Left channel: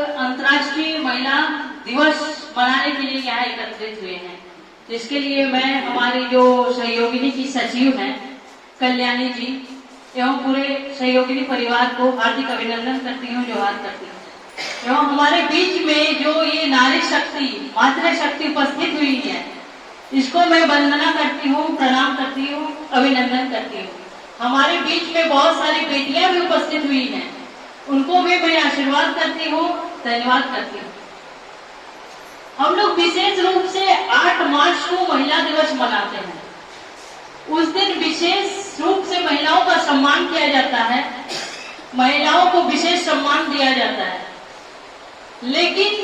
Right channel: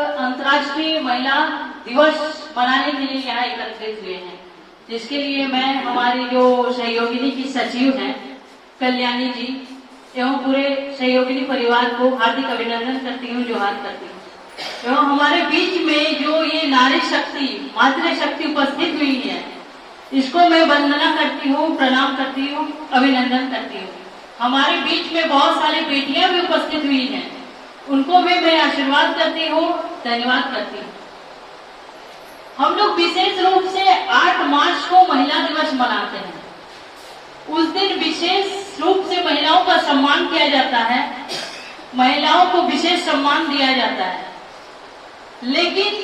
अंतर्राष्ट्रीय महिला दिवस मनाने के लिए यहाँ एकत्रित हुए हैं, जिसके लिए मैं हमारी जो सहयोगिनी की सचिव हैं कल्याणी जी एवं पूरे सहयोगिनी परिवार को हार्दिक अभिनंदन करती हूँ, जोहार करती हूँ। एवं हमारे बीच में जो ये नारी शक्ति, मातृशक्ति उपस्थित हुई है, इसको मैं वंदना करती हूँ, प्रणाम करती हूँ, अभिनंदन करती हूँ। हमारे बीच में बहुत सारी बेटियां भी उपस्थित हुई हैं, उनको भी मैं आशीर्वाद करती हूँ, धन्यवाद करती हूँ। हम लोग विशेष रूप से 8 मार्च को महिला दिवस मनाते हैं। उस दिन विशेष रूप से महिलाओं का सम्मान किया जाता है, महिलाओं को विशेष सम्मान दिया जाता है। लेकिन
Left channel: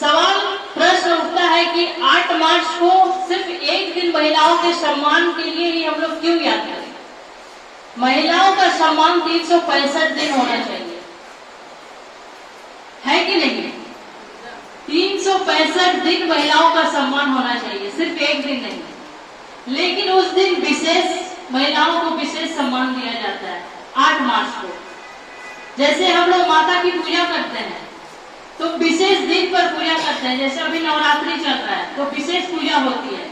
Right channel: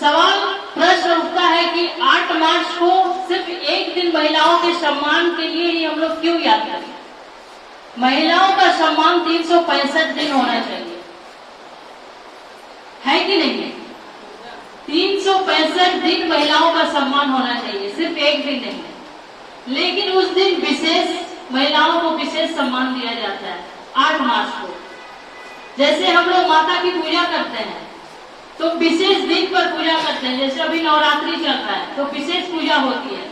सवाल प्रश्न उठता है कि 8 मार्च को सिर्फ एक दिन महिलाओं के सम्मान के लिए ही हम लोग क्यों याद करें? महिलाओं का सम्मान 365 दिन होना चाहिए, है कि नहीं? 365 दिन महिलाओं का सम्मान होना चाहिए, सिर्फ एक दिन नहीं। लेकिन उस दिन विशेष महिलाओं को विशेष सम्मान दिया जाता है 8 मार्च को। जैसे हम लोग माता की पूजा करते हैं तो विशेष दिन पर पूजा करते हैं, जैसे अभी नवरात्रि चल रहा है तो विशेष पूजा होती है।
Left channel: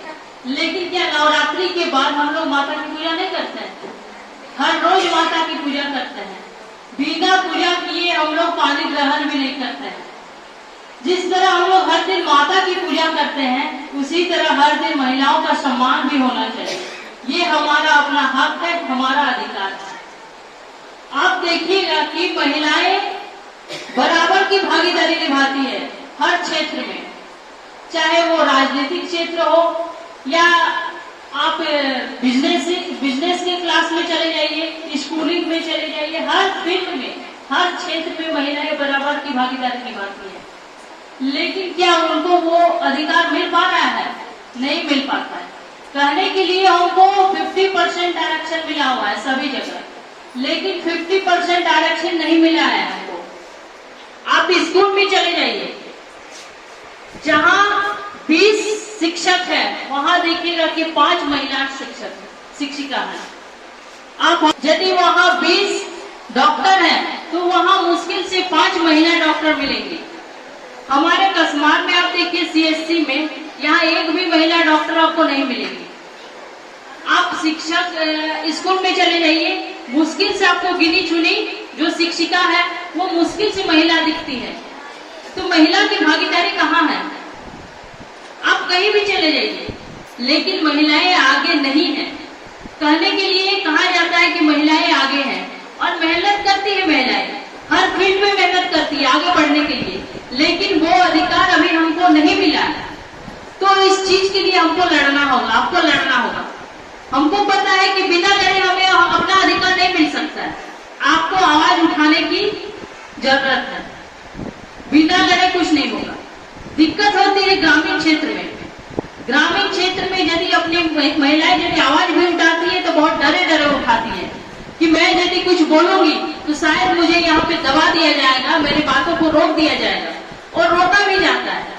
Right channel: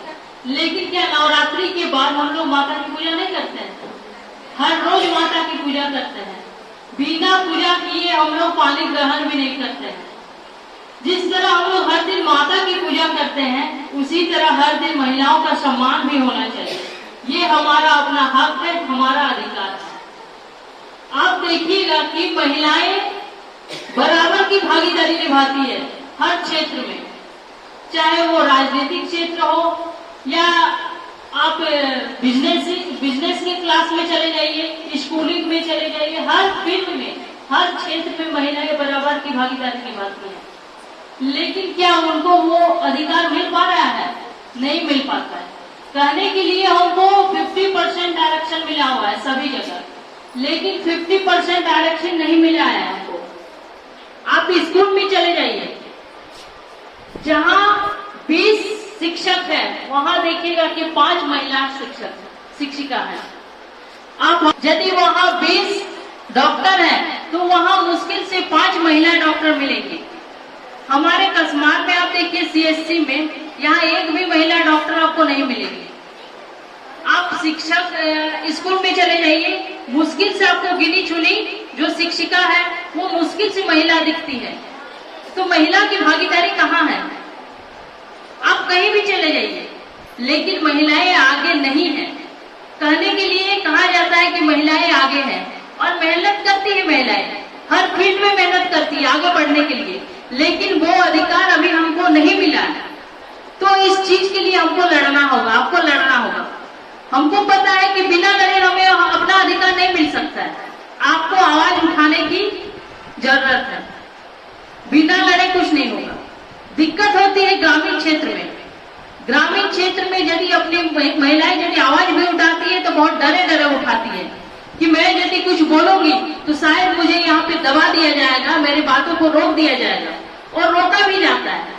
लेकिन क्या नवरात्रि के बाद हम लोग माता की पूजा नहीं करते हैं? हर रोज माता की पूजा करते हैं। बिना पूजा किए हम लोग पानी ग्रहण भी नहीं करते हैं। जिस तरह हम लोग हर दिन माता की पूजा करते हैं, उसी तरह हर दिन महिलाओं का सम्मान भी होना चाहिए। ये हमारा अपना हक है, हमारा अधिकार है। आप देखिएगा कि महिलाएं बराबर की भागीदारी निभाती है हर क्षेत्र में, चाहे वो राजनीतिक क्षेत्र हो या आप बिजनेस के क्लास में चले जाइए, स्कूलिंग में चले जाइए, हर फील्ड में, हर क्षेत्र में महिलाएं बराबर की भागीदारी निभाती है। लेकिन क्या उनको वो अधिकार मिल पा रहा है? नहीं मिल पाता है। कहने के लिए हमको 50% आरक्षण मिला हुआ है सभी जगह, लेकिन 50% आरक्षण नहीं मिला है हमको। आप स्कूल में चले जाइए, जहाँ 20 शिक्षक है, वहाँ देखिएगा कि 5 महिला शिक्षिका है। आप यदि वहाँ 20 डॉक्टर है तो वहाँ मुश्किल से 5 महिला डॉक्टर मिलेंगे। हमारे कस्मार में आप देखिए CSC में, यहाँ एक भी महिला डॉक्टर आपको नहीं मिलेगी। आप शिक्षक स्कूल में चले जाइए, मुश्किल से आपको गिनी चुनी जो शिक्षिका है वो मुश्किल से महिला दिखती है। तो महिला की भागीदारी कहाँ है? आप कहीं भी चले जाइए, लेकिन महिलाएं आगे नहीं है। कहने के लिए कहा जाता है कि महिलाएं आगे हैं, और मेहनत करती है महिलाएं, हर फील्ड में मेहनत करती है आगे बढ़ने के लिए, लेकिन वो अधिकार अभी हमको नहीं मिला है। तो इस चीज के लिए हमको लड़ना होगा, आपको लड़ना होगा। हमको पता है कि बिना लड़े हमें अपना अधिकार नहीं मिल सकता है। आपको आवाज उठाने की जरूरत है, बिना लड़े कुछ नहीं होगा। दिक्कत होती है ग्रामीण क्षेत्र में। ग्रामीण क्षेत्र में यदि अपनी महिलाएं यदि आवाज भी उठाती है तो बहुत डरे डरे उठाती है कि मैं यदि कुछ बोलूंगी तो शायद मुझे यहाँ पे दबा दिया जाएगा, मेरी बातों को रोक दिया जाएगा, और रोका भी जाता है।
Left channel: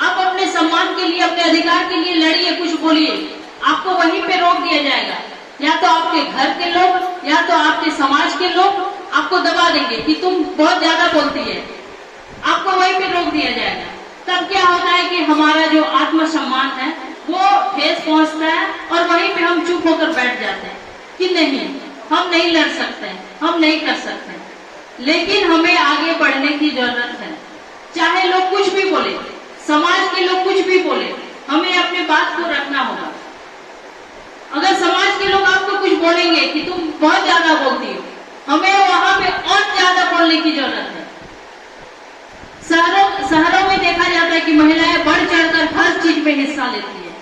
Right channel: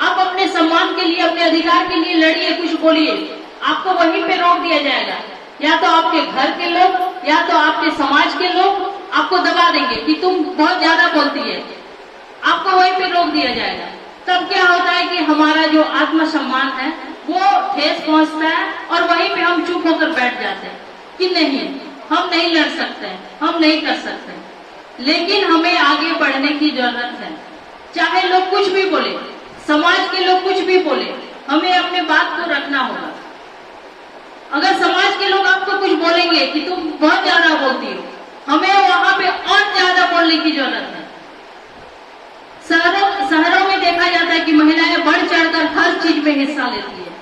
आप अपने सम्मान के लिए, अपने अधिकार के लिए लड़िए, कुछ बोलिए, आपको वहीं पे रोक दिया जाएगा। या तो आपके घर के लोग या तो आपके समाज के लोग आपको दबा देंगे कि तुम बहुत ज्यादा बोलती है, आपको वहीं पे रोक दिया जाएगा। तब क्या होता है कि हमारा जो आत्मसम्मान है वो ठेस पहुंचता है, और वहीं पे हम चुप होकर बैठ जाते हैं कि नहीं, हम नहीं लड़ सकते, हम नहीं कर सकते। लेकिन हमें आगे बढ़ने की जरूरत है। चाहे लोग कुछ भी बोले, समाज के लोग कुछ भी बोले, हमें अपने बात को रखना होगा। अगर समाज के लोग आपको कुछ बोलेंगे कि तुम बहुत ज्यादा बोलती हो, हमें वहां पे और ज्यादा बोलने की जरूरत है। शहरों में देखा जाता है कि महिलाएं बढ़ चढ़कर हर चीज में हिस्सा लेती है,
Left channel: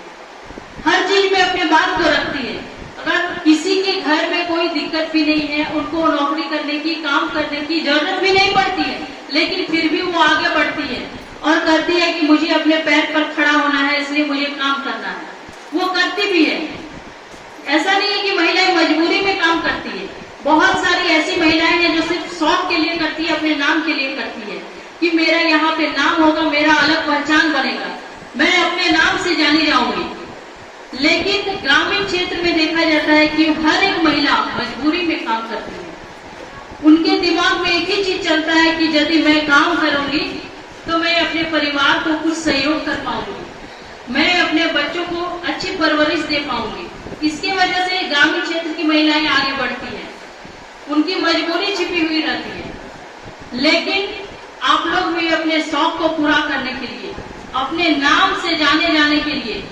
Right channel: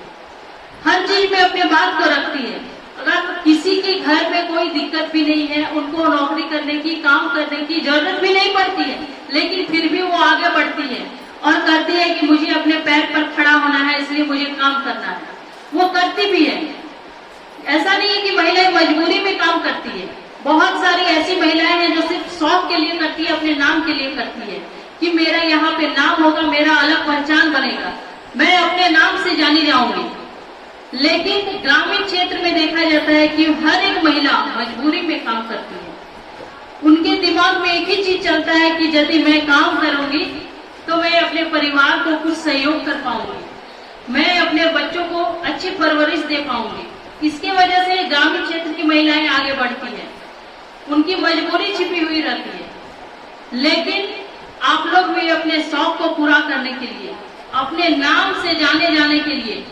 हर चीज में अपने बात को रखती है। अगर किसी के घर में कोई दिक्कत भी नहीं है, उनको नौकरी करने की, काम करने की जरूरत भी नहीं पड़ती है, लेकिन फिर भी वो आगे बढ़ती है और कहती है कि मुझे अपने पैर पर खड़ा होना है, इसलिए मुझे काम करना है। वो करती भी है। ऐसा नहीं है कि महिलाएं मजबूरी में काम करती है। बहुत सारी ऐसी महिलाएं हैं जो सिर्फ शौक के लिए करती है, अपने नाम के लिए करती है कि मेरा यहाँ पे नाम होगा, मेरा अलग पहचान बनेगा, मैं अपने नाम से जानी जाऊंगी। लेकिन ग्रामीण क्षेत्र में देखा जाता है कि हर एक महिला मजबूरी में काम करती है। उनके दिमाग में एक ही चीज चलता है कि यदि मैं काम करूंगी तो मैं अपने परिवार को कुछ सहयोग कर पाऊंगी, मैं अपने बच्चों को अच्छी परवरिश दे पाऊंगी। इसके वजह से ग्रामीण क्षेत्र की महिलाएं आगे बढ़ती हैं, उनकी मजबूरी छिपी हुई रहती है। लेकिन आप लोग भी अपने शौक को पूरा करने के लिए, अपने नाम से जाने जाने के लिए,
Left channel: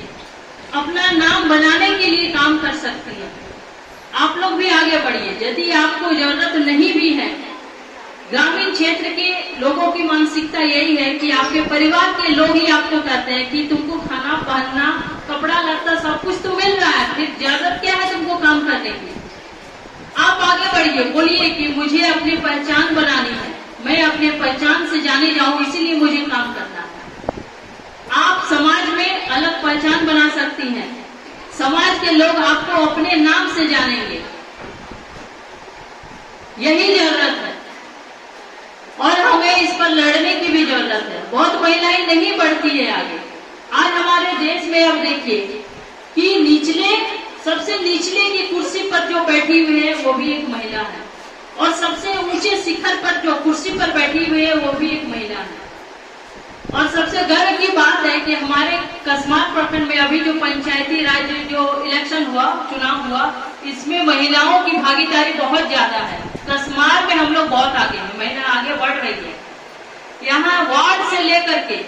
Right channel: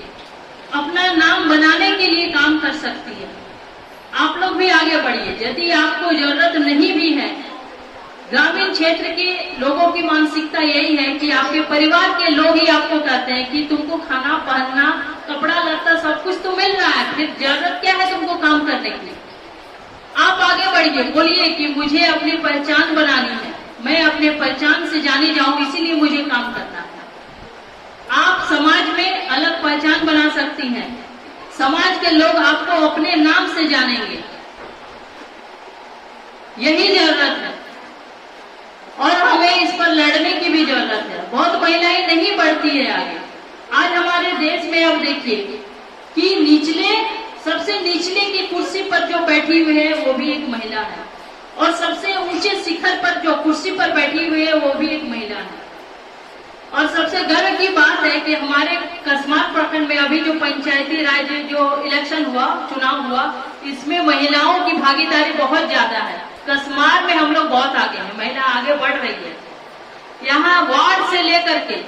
अपना नाम बनाने के लिए काम कर सकती है। आप लोग भी आगे बढ़िए। यदि आपको जरूरत नहीं भी है, ग्रामीण क्षेत्र के लोगों की मानसिकता यही है कि आपके परिवार के लोग ही आपको कहते हैं कि तुमको खाना पहनना, कपड़ा लत्ता सब कुछ तो मिल रहा है, फिर जरूरत क्या है तुमको काम करने की। आप आगे बढ़िए, बोलिए कि मुझे अपनी पहचान बनानी है, मैं अपने पहचान से जानी जाऊं, इसीलिए मुझे काम करना है। आप समाज में अलग पहचान बना सकती हैं, समाज के लोग आपको अपने नाम से जानेंगे, यही जरूरत है। और हमें इस पर लड़ने की भी जरूरत है। बहुत महिलाएं नहीं बढ़ती है आगे। आज हमारे देश में अब देखिए कि निचले, सबसे निचले की कुर्सी पर जो बैठी हुई है वो भी एक महिला है, और सबसे ऊंचे शिखर पर जो कुर्सी पर बैठी हुई है वो भी एक महिला है। और सबसे गर्व की बात है कि हमारे कसमार प्रखंड में अभी जो पंचायती राज जो इलेक्शन हुआ, चुनाव हुआ, इसमें महिलाओं की भागीदारी बहुत ज्यादा है। कसमार में हम लोग बहुत आगे हैं, महिला आगे बढ़ रही है। यहाँ वार्ड से लेकर के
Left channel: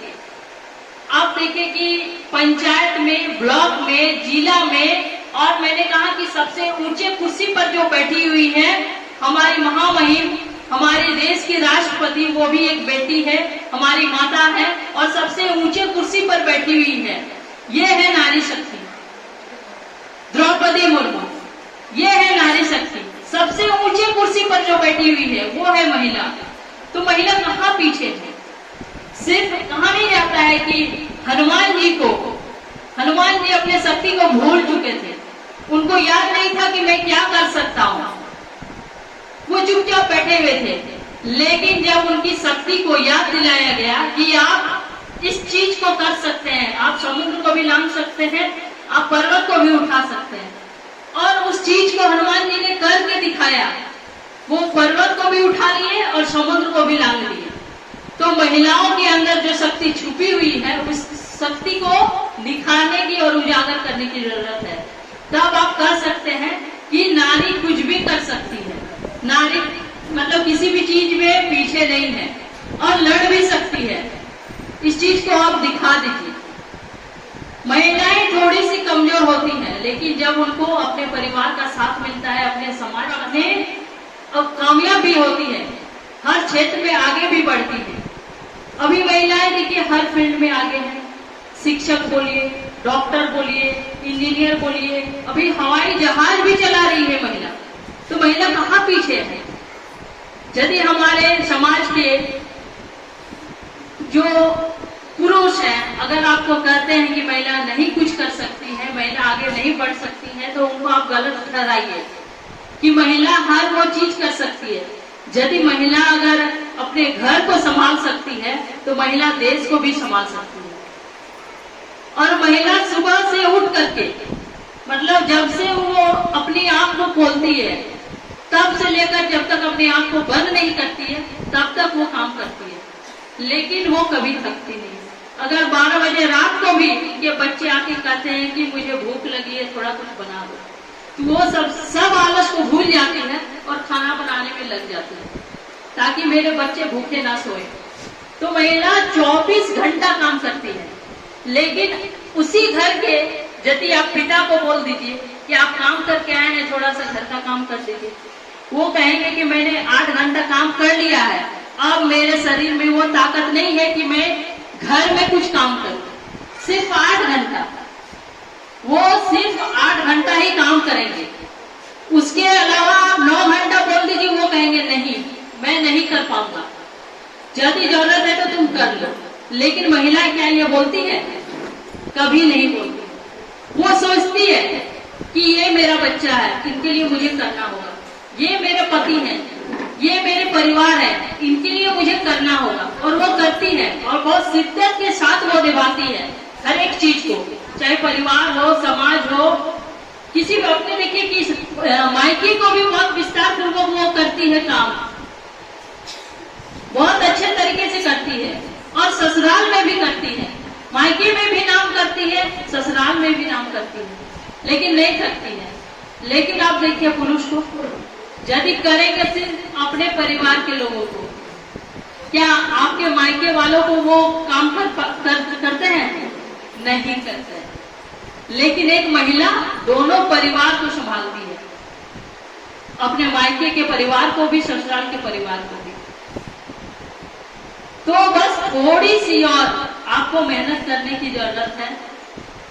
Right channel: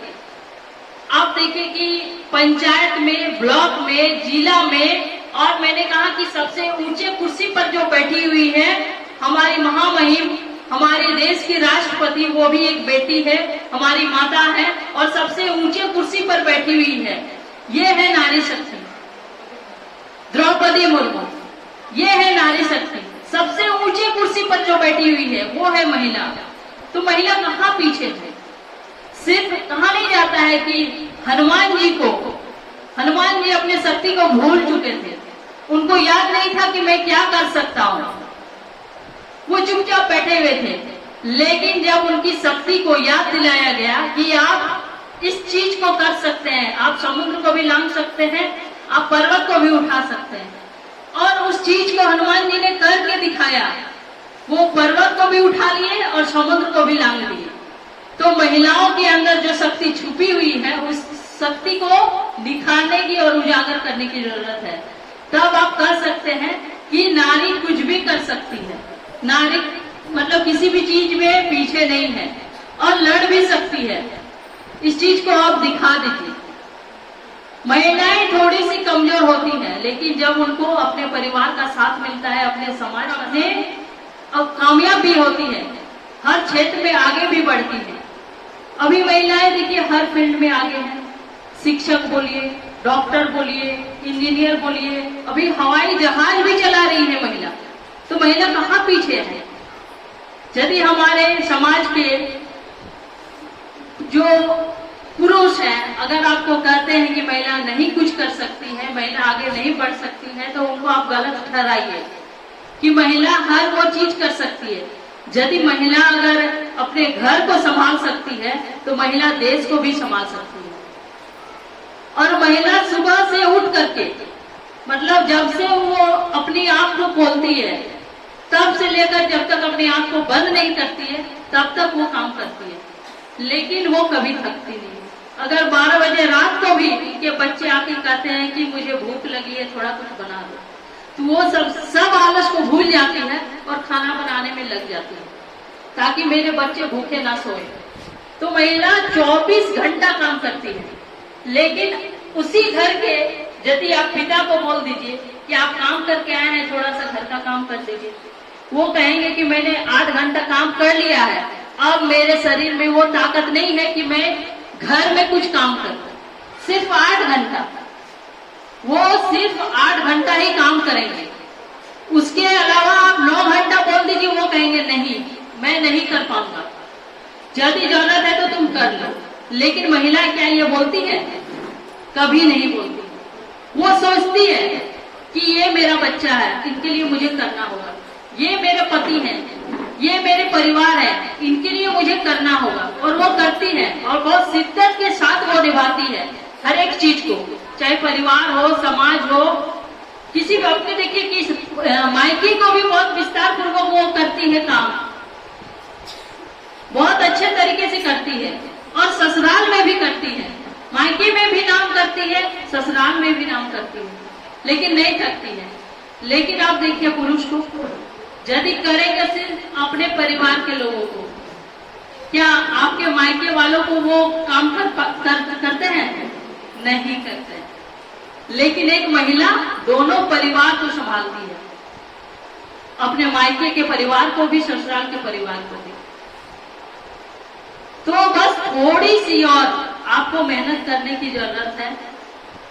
आप देखें कि पंचायत में, ब्लॉक में, जिला में, और मैंने कहा कि सबसे ऊंचे कुर्सी पर जो बैठी हुई है हमारी महामहिम, हमारे देश की राष्ट्रपति, वो भी एक बेटी है, हमारी माता है, और सबसे ऊंचे कुर्सी पर बैठी हुई है। ये है नारी शक्ति, द्रौपदी मुर्मू, ये है नारी शक्ति। सबसे ऊंचे कुर्सी पर जो बैठी हुई है वो है महिला। तो महिला कहाँ पीछे है? सिर्फ कहा नहीं जाता है कि हनुमान जी अपने शक्ति को भूल चुके थे, उनको याद नहीं था कि मैं क्या कर सकता हूँ, वो चुपचाप बैठे हुए थे। लेकिन जब उनकी शक्ति को याद दिलाया गया कि आप इस चीज को कर सकते हैं, आप समुद्र को भी लांघ सकते हैं, आप पर्वत को भी उठा सकते हैं, और उस चीज को हनुमान जी ने करके दिखाया। वो पर्वत को भी उठा लिए और समुद्र को भी लांघ लिए। तो महिलाओं के अंदर जो शक्ति छुपी हुई है, उस शक्ति को निखारने की और उजागर करने की जरूरत है। तब आप कह सकते हैं कि नारी कुछ भी कर सकती है, नारी मतलब किसी भी चीज में पीछे नहीं है, और लड़ भी सकती है। इस चीज को आप दिखा दीजिए। महिलाएं थोड़ी सी कमजोर होती हैं, लेकिन जब उनको अपने परिवार का साथ मिलता है, अपने समाज में कामयाब भी होती है, हर क्षेत्र में आगे भी बढ़ती है। अभी महिलाएं देखिए हर फील्ड में आगे हैं, शिक्षक बोलिए, डॉक्टर बोलिए, इंजीनियर बोलिए, अभी हवाई जहाज भी चला रही है महिला। तो महिला कहाँ पीछे है? यदि हमारे समाज के जो पुरुष हैं, अगर आपको कहते हैं कि महिला नहीं कुछ कर सकती है, महिला आगे नहीं बढ़ सकती है, तो उनको आप गलत ठहराइए कि महिला हर वो चीज कर सकती है। यदि महिला अगर अपने घर को संभाल सकती है तो महिला देश को भी संभाल सकती है। और महिला सुबह से उठ करके, मतलब जब से वो अपनी आंख को खोलती है तब से लेकर जब तक अपनी आंख को बंद नहीं करती है तब तक वो काम करती है, लेकिन वो कभी थकती नहीं। अगर 12 बजे रात को भी के बच्चे आके कहते हैं कि मुझे भूख लगी है, थोड़ा कुछ बना दो, तो वो सब आलस को भूल जाती है और खाना बनाने में लग जाती है ताकि मेरे बच्चे भूखे ना सोए। तो महिला 24 घंटा काम करती है, लेकिन उसी घर के यदि आप पिता को बोल दीजिए कि आप काम करके आए हैं, थोड़ा सा घर का काम कर दीजिए, वो कहेंगे कि मैंने 8 घंटा काम कर लिया है, अब मेरे शरीर में वो ताकत नहीं है कि मैं घर में कुछ काम करूं। सिर्फ 8 घंटा, वो सिर्फ 8 घंटा ही काम करेंगे, उसके अलावा आप 9 घंटा बोल दीजिए, वो कहेंगे नहीं मैं नहीं कर पाऊंगा, यदि जरूरत है तो तुम कर लो। लेकिन महिला क्या ये बोलती है? कभी नहीं बोलती। वो सोचती है कि ये मेरा बच्चा है, इनके लिए मुझे करना होगा, ये मेरे पति हैं, ये मेरे परिवार है, इनके लिए मुझे करना होगा, और वो करती है और बहुत शिद्दत के साथ वो निभाती है हर एक चीज को, चाहे परिवार हो, समाज हो, किसी भी। अपने देखिए कि मायके को भी बहुत विस्तार पूर्वक वो करती है काम, बहुत अच्छे तरीके से करती है, और ससुराल में भी करती है, मायके में भी नाम करती है, ससुराल में भी नाम करती है, लेकिन नहीं करती है। लेकिन आप देखिए पुरुष को, यदि करेंगे सिर्फ अपने परिवार के लोगों को, क्या आपके मायके वालों को वो काम करते हैं? नहीं करते। लेकिन एक महिला दोनों परिवार को संभालती है, अपने मायके के परिवार को भी, ससुराल के परिवार को भी। तो बस थोड़ी सी और आपको मेहनत करने की जरूरत है।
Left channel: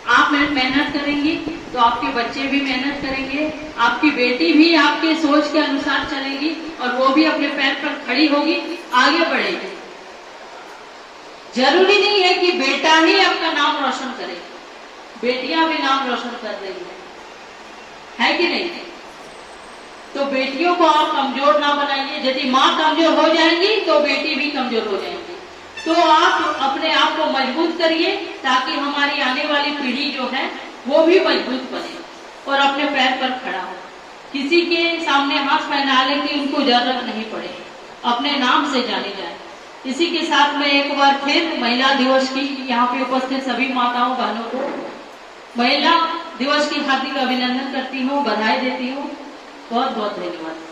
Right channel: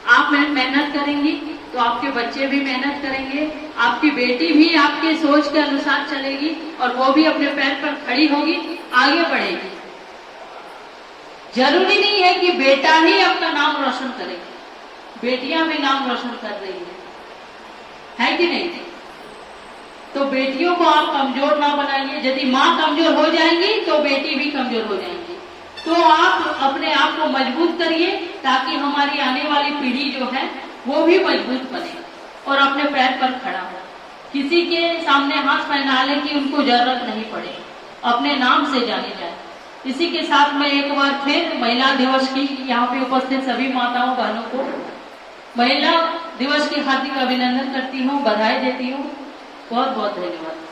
आप मेहनत करेंगी तो आपके बच्चे भी मेहनत करेंगे, आपकी बेटी भी आपके सोच के अनुसार चलेगी और वो भी अपने पैर पर खड़ी होगी, आगे बढ़ेगी। जरूरी नहीं है कि बेटा ही अपना नाम रोशन करे, बेटियां भी नाम रोशन कर रही है कि नहीं? तो बेटियों को आप कमजोर ना बनाइए। यदि माँ कमजोर हो जाएंगी तो बेटी भी कमजोर हो जाएंगी। तो आप अपने आप को मजबूत करिए ताकि हमारी आने वाली पीढ़ी जो है वो भी मजबूत बने और अपने पैर पर खड़ा हो। किसी के सामने हाथ फैलाने की उनको जरूरत नहीं पड़े, अपने नाम से जाने जाए। इसी के साथ मैं एक बार फिर महिला दिवस की यहाँ पे उपस्थित सभी माताओं बहनों को महिला दिवस की हार्दिक अभिनंदन करती हूँ, बधाई देती हूँ। बहुत बहुत धन्यवाद।